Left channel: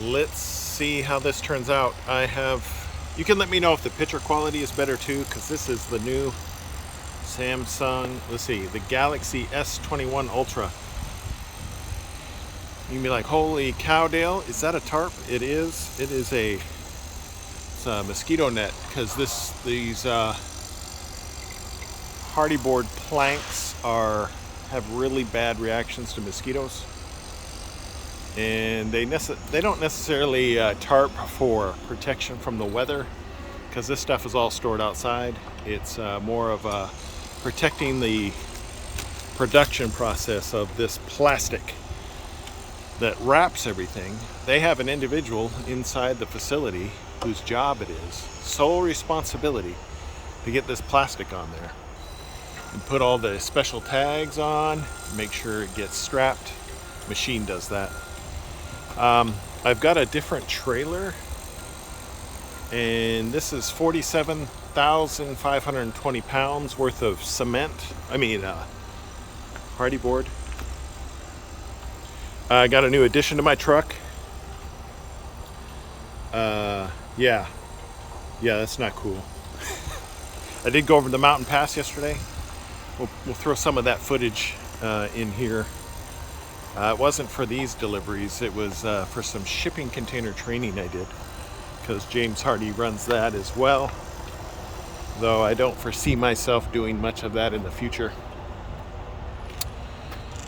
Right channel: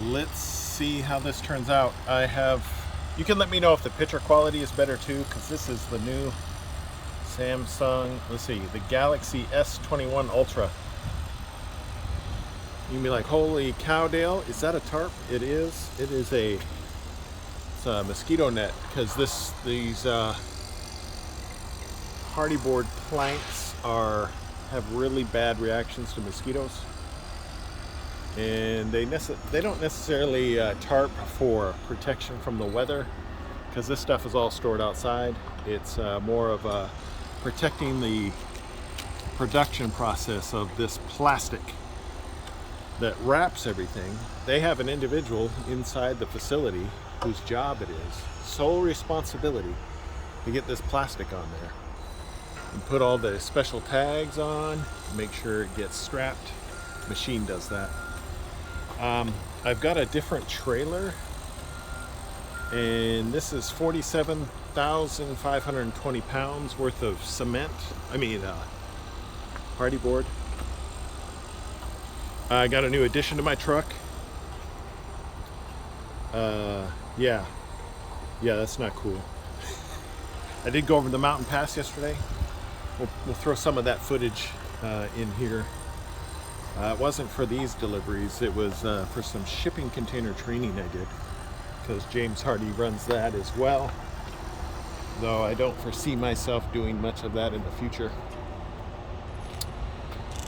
let's see how this turns out. You can let me know if the picture quality is better too, because this is the new Samsung, let's see, the Galaxy S21 Ultra. You can be like, holy cow, Dale, is that a tarp? It is. It's a mosquito net, because these hardy board planks have really bad reactions to mosquitoes, and they don't necessarily tarp for protection from the weather, because this stuff is all stored outside. It's more of protecting the production process of this plastic that wraps everything. They have an individual inside the facility whose job it is, sole responsibility, to get this plastic on there and put all the special tags on, make sure it gets strapped. Machine does that. I've got a different trailer, and this is 47,520 pounds worth of cement. Hardy board. I got a new addition to my truck. Yeah, that's not cool. I did go over the mountain pass yesterday. We'll throw some of that footage in here. It wasn't for these deliveries. It was for some shipping container training I did, because James Hardy runs that as well, though I don't foresee myself doing much of that in the future.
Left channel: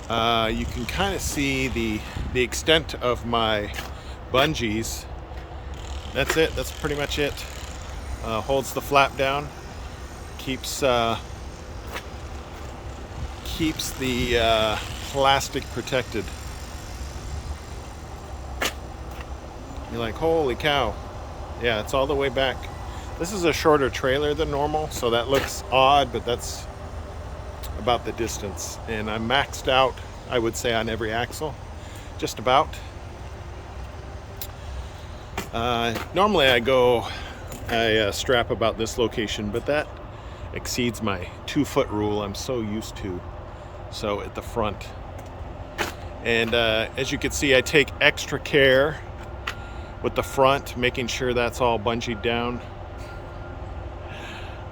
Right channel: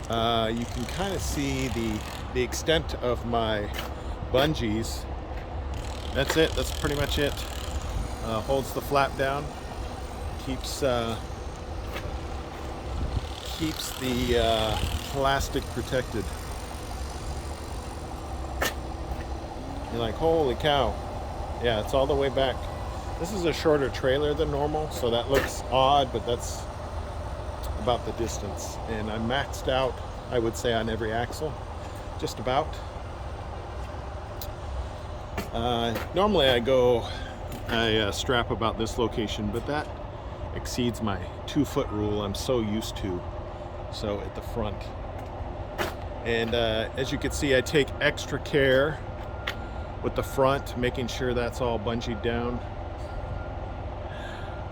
You can kind of see the extent of my bungees. That's it. That's pretty much it. Holds the flap down, keeps the plastic protected. You're like, holy cow. Yeah, it's all the way back. This is a shorter trailer than normal, so that looks odd, but that's about the distance. And I'm maxed out, I would say, on every axle, just about. Normally I strap about this location, but that exceeds my 2-foot rule I'm so used to. So at the front. And as you can see, I take extra care with the front, making sure that's all bungeed down.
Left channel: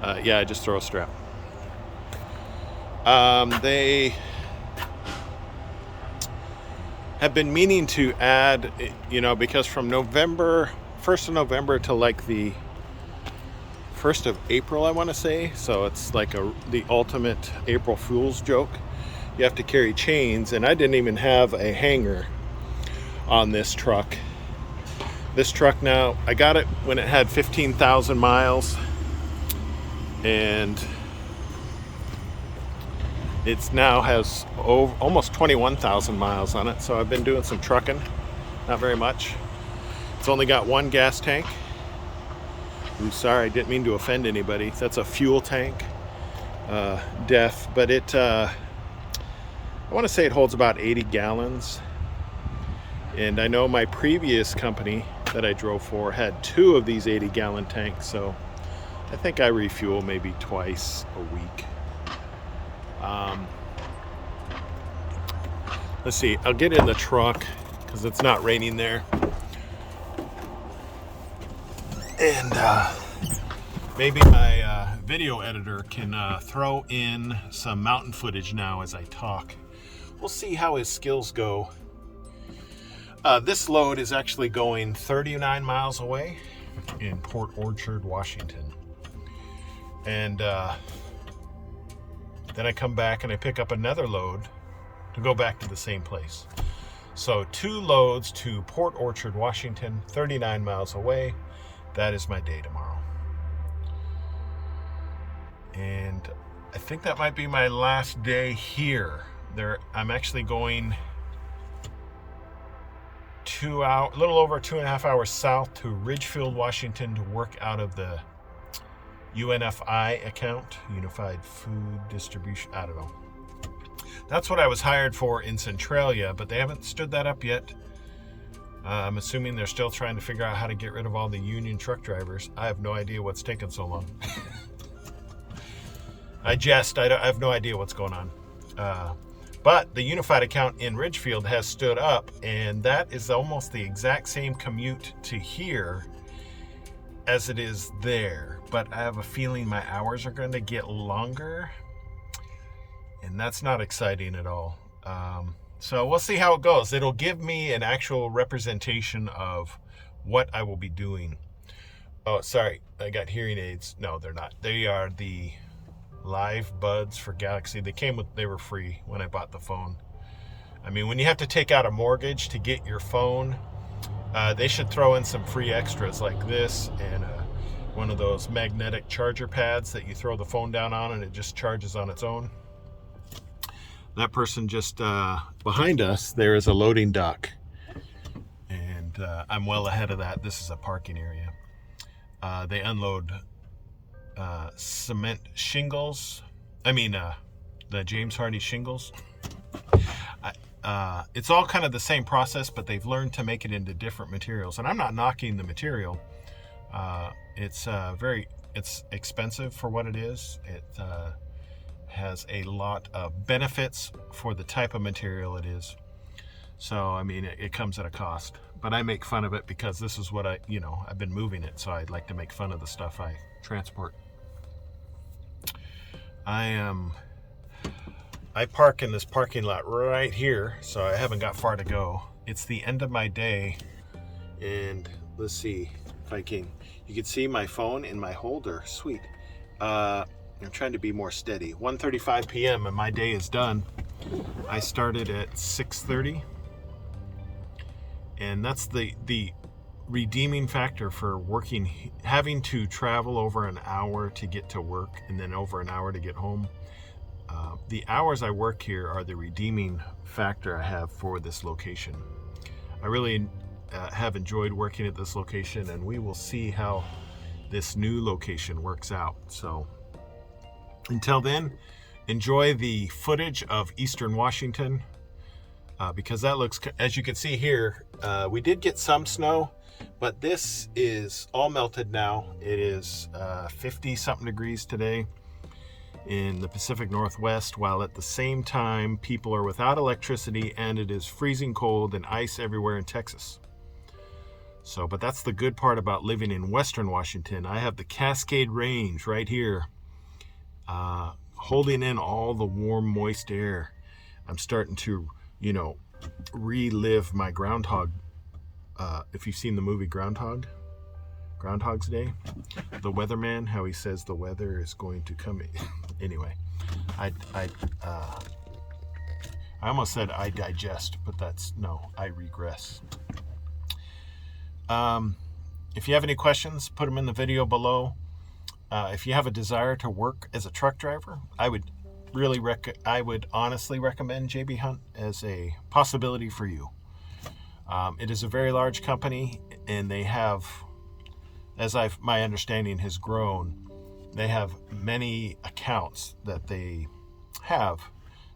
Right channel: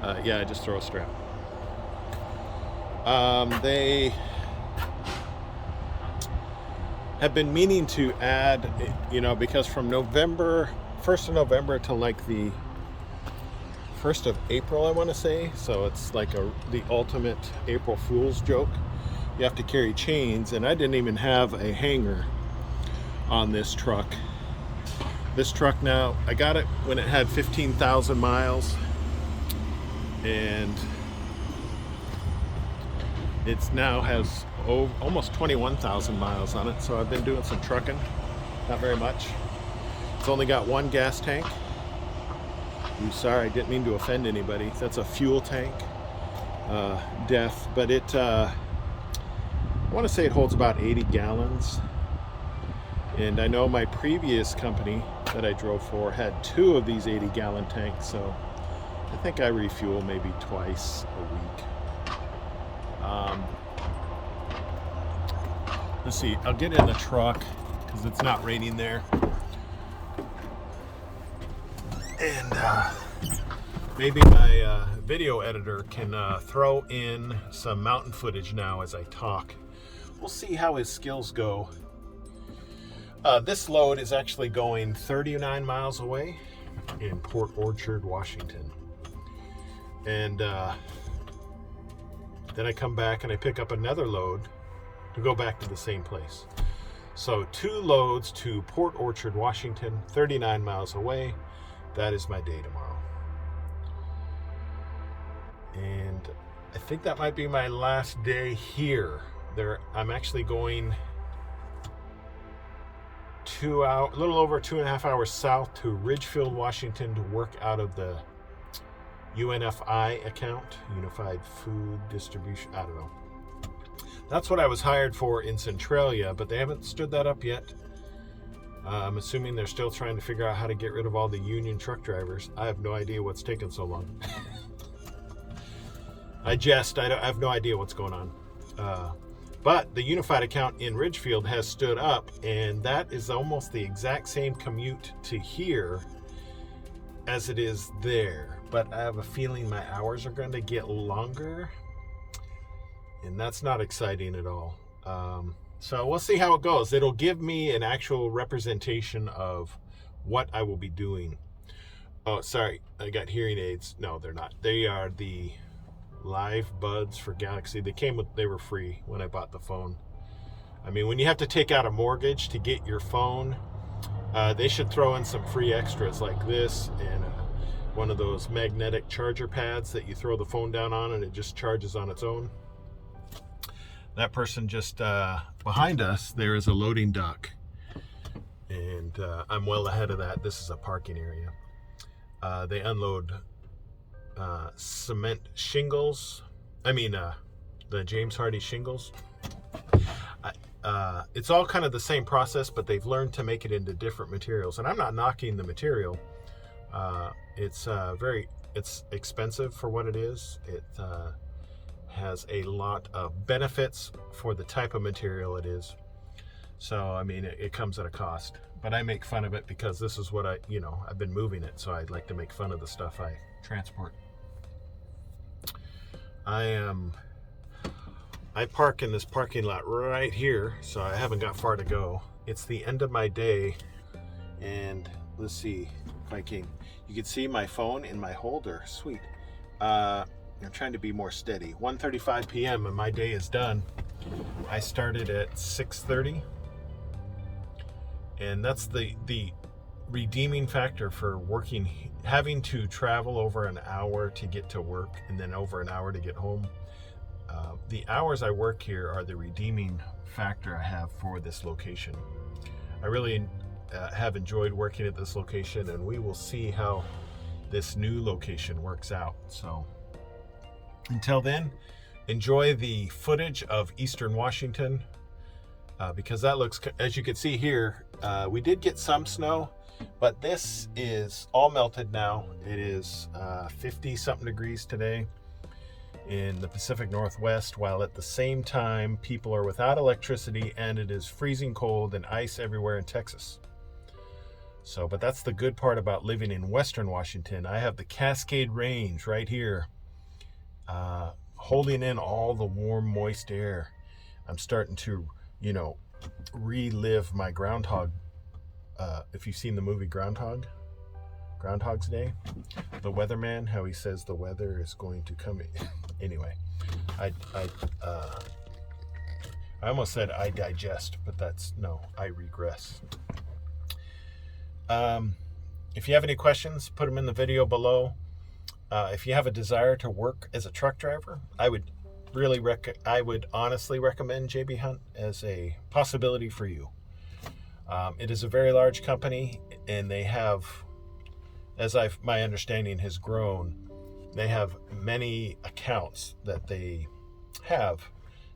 I just throw a strap. They have been meaning to add, because from 1st of November to like the 1st of April, I want to say, so it's like the ultimate April Fool's joke. You have to carry chains, and I didn't even have a hanger on this truck. This truck now, I got it when it had 15,000 miles, and it now has almost 21,000 miles on it. So I've been doing some trucking, not very much. It's only got one gas tank. Ooh, sorry, I didn't mean to offend anybody. That's a fuel tank, DEF, but I want to say it holds about 80 gallons. And I know my previous company that I drove for had 2 of these 80-gallon tanks, so I think I refuel maybe twice a week. Let's see, I'll get in the truck because it's not raining there. And maybe my video editor can throw in some mountain footage now as I talk. We'll see how his skills go. This load is actually going 39 miles away in Port Orchard, Washington. And then I come back and I pick up another load to go back to the same place. So 2 loads to Port Orchard, Washington, 39 miles away. That is my day tomorrow. And I think that might be my last day here. I'm actually going a little over 2.5 hours south to Ridgefield, Washington, to work out of the UNFI account, Unified Food Distribution. I don't know. That's what I was hired for in Centralia, but they haven't stood that up yet. I'm assuming they're still trying to figure out how to get rid of all the union truck drivers. I have no idea what's taking so long. I have no idea what's going on. But the unified account in Ridgefield has stood up, and that is almost the exact same commute to here as it is there. But I have a feeling my hours are going to get longer, and that's not exciting at all. So we'll see how it goes. It'll give me an actual representation of what I will be doing. Oh, sorry, I got hearing aids. No, they're not. They are the Live Buds for Galaxy. They were free when I bought the phone. I mean, when you have to take out a mortgage to get your phone, they should throw in some free extras like this and one of those magnetic charger pads that you throw the phone down on and it just charges on its own. That person just behind us, there is a loading dock, and I'm well ahead of that. This is a parking area. They unload cement shingles. The James Hardie shingles. It's all kind of the same process, but they've learned to make it into different materials. And I'm not knocking the material. It's expensive for what it is. It has a lot of benefits for the type of material it is. So, I mean, it comes at a cost. But I make fun of it because this is what I've been moving it, so I'd like to make fun of the stuff I transport. I park in this parking lot right here, so I haven't got far to go. It's the end of my day, and let's see if you can see my phone in my holder. Sweet. I'm trying to be more steady. 1:35 p.m. and my day is done. I started at 6:30, and that's the redeeming factor for working, having to travel over an hour to get to work and then over an hour to get home. The hours I work here are the redeeming factor I have for this location. I really have enjoyed working at this location, and we will see how this new location works out. So until then, enjoy the footage of Eastern Washington, because that looks, as you can see here, we did get some snow, but this is all melted now. It is 50 something degrees today in the Pacific Northwest, while at the same time people are without electricity and it is freezing cold and ice everywhere in Texas. So, but that's the good part about living in Western Washington. I have the Cascade Range right here, holding in all the warm, moist air. I'm starting to, relive my groundhog. If you've seen the movie Groundhog's Day, the weatherman, how he says the weather is going to come. Anyway, I almost said I digest, but I regress. If you have any questions, put them in the video below. If you have a desire to work as a truck driver, I would honestly recommend JB Hunt as a possibility for you. It is a very large company, and they have, my understanding has grown, they have many accounts that they have.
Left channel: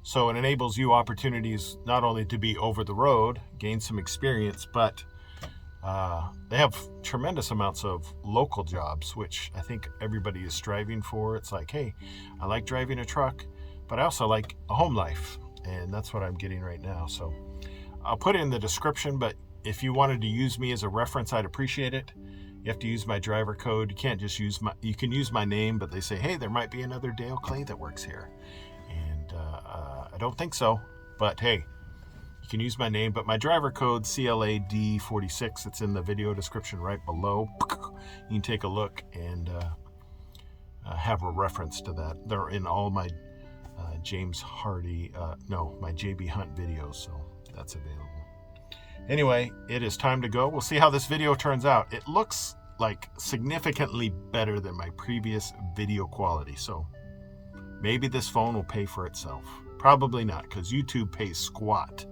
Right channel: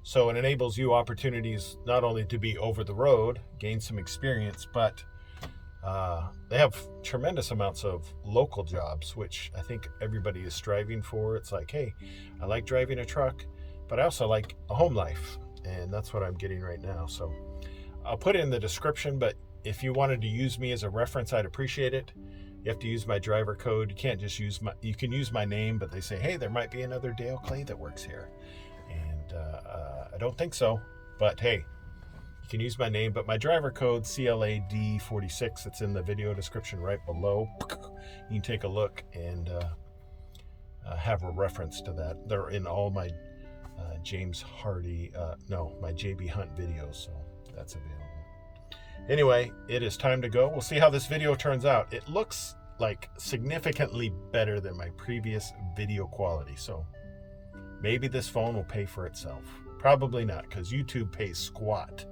So it enables you opportunities not only to be over the road, gain some experience, but they have tremendous amounts of local jobs, which I think everybody is striving for. It's like, hey, I like driving a truck, but I also like a home life, and that's what I'm getting right now. So I'll put it in the description, but if you wanted to use me as a reference, I'd appreciate it. You have to use my driver code. You can't just you can use my name, but they say, hey, there might be another Dale Clay that works here. And I don't think so, but hey, you can use my name, but my driver code, CLAD46, it's in the video description right below. You can take a look and have a reference to that. They're in all my James Hardie, my JB Hunt videos, so that's available. Anyway, it is time to go. We'll see how this video turns out. It looks like significantly better than my previous video quality, so maybe this phone will pay for itself. Probably not, because YouTube pays squat